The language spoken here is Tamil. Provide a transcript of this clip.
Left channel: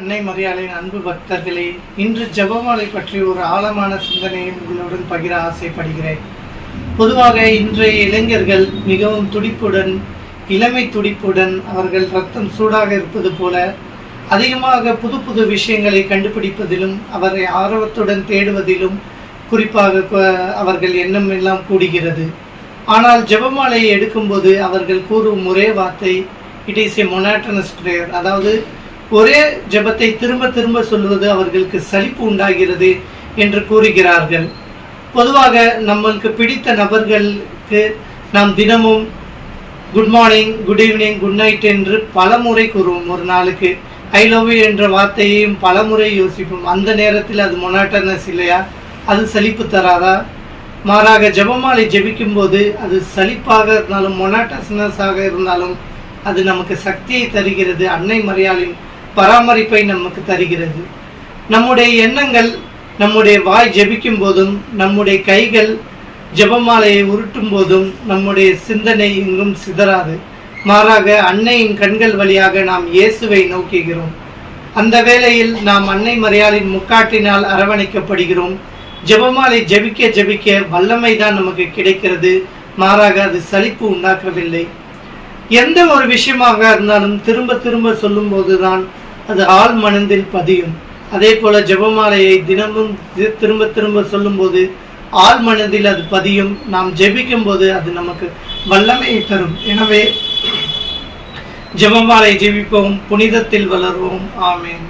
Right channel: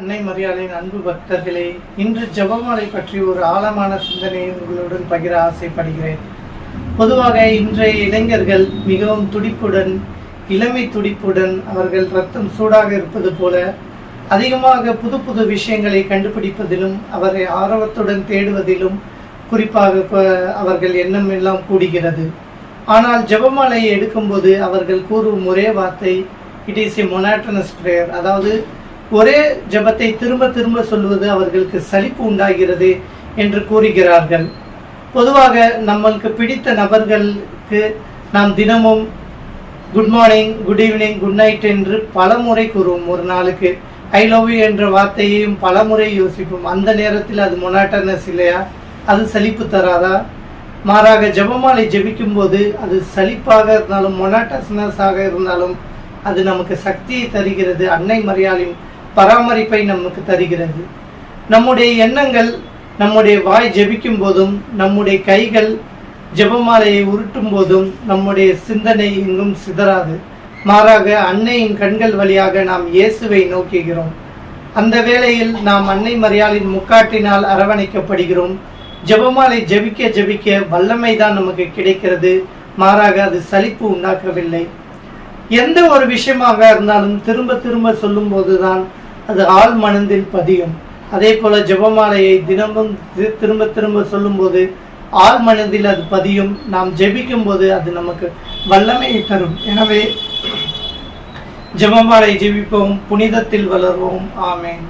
அன்னை மரியாளின் அன்பு பக்தர்களே, இன்று ஜெபமாலை பற்றி ஒரு ஆழமான சிந்தனையை உங்களுடன் பகிர ஆசைப்படுகிறேன். பொதுவாக இன்றைய இளைஞர்கள் மிகவும் துடிப்புடன், இளமை துடிப்புடன், அவர்கள் ரத்தம் சூடாக இருப்பது போல அதிகமாக புது புது விஷயங்களை கண்டுபிடிப்பதிலும் அவரை ஆர்வத்துடன் தேடுவதிலும் குறிப்பாக அவர்கள் எண்ணம் எல்லாம் கூடுகிறது. ஆனால் ஜெபமாலையை எடுக்கும்போது அவர்கள் கூறும் ஒரே வார்த்தை, it is a monotonous prayer, அதாவது ஒரே ஜெபத்தை திரும்ப திரும்ப சொல்வது அவர்களுக்கு சலிப்பு உண்டாகிறது என்று கூறுகிறார்கள். பொதுவாக நம்மளுக்கு பிடித்த நபர்களுக்கு நாம் தினமும் good morning, good evening, good night என்று பல முறை கூறுவோம். ஒரு நாளுக்கு ஐ லவ் யூ என்ற வார்த்தையையும் பல முறை யோசிப்போம். அந்த நேரத்தில் அது மொனாட்டனஸ் இல்லையா? அது சலிப்பு தராதா? மாறாக ஜெபமாலை ஜெபிக்கும் போது அது சலிப்பாக இருந்தாலும் மொனாட்டனஸாக இருந்தாலும் அது நமக்கு சக்தியை தருகிறது. அன்னை மரியாளின் பராமரிப்பை நமக்கு தருகிறது. நம்முடைய எண்ணங்கள், நம்முடைய வாய் ஜெபிக்கும் போதும், நம்முடைய கைகள் ஜெபமாலையை உருட்டும் போதும் நம்முடைய சிந்தனை எங்கும் சிதறாது. மாறாக அன்னையின் கண்கள் வழியாக நாம் இயேசுவை நோக்குகிறோம். அந்த வேளையில் நாம் அன்னை மரியாளின் முக்காட்டினால் அரவணைக்கப்படுகிறோம். ஜெபமாலை ஜெபிக்க ஜெபிக்க வல்லமை தான் நமக்கு கிடைக்கிறது. மாறாக அது சலிப்பு உண்டாக்கவில்லை. எந்த ஒரு விஷயமாக இருந்தாலும் திரும்ப திரும்ப சொல்லும் போதுதான் அது ஆழ் மனதில் பதியும். அதே போல ஜெபமாலையை தினமும் திரும்ப திரும்ப சொல்லும் போது ஆழ் மனதில் அது பதியும். நாம் ஜெபிக்கும் போது அது நமக்கு வல்லமையை தரும். எனவே ஜெபமாலை ஜெபிப்போம், புனிதத்தில் வளர்வோம். ஆமென்.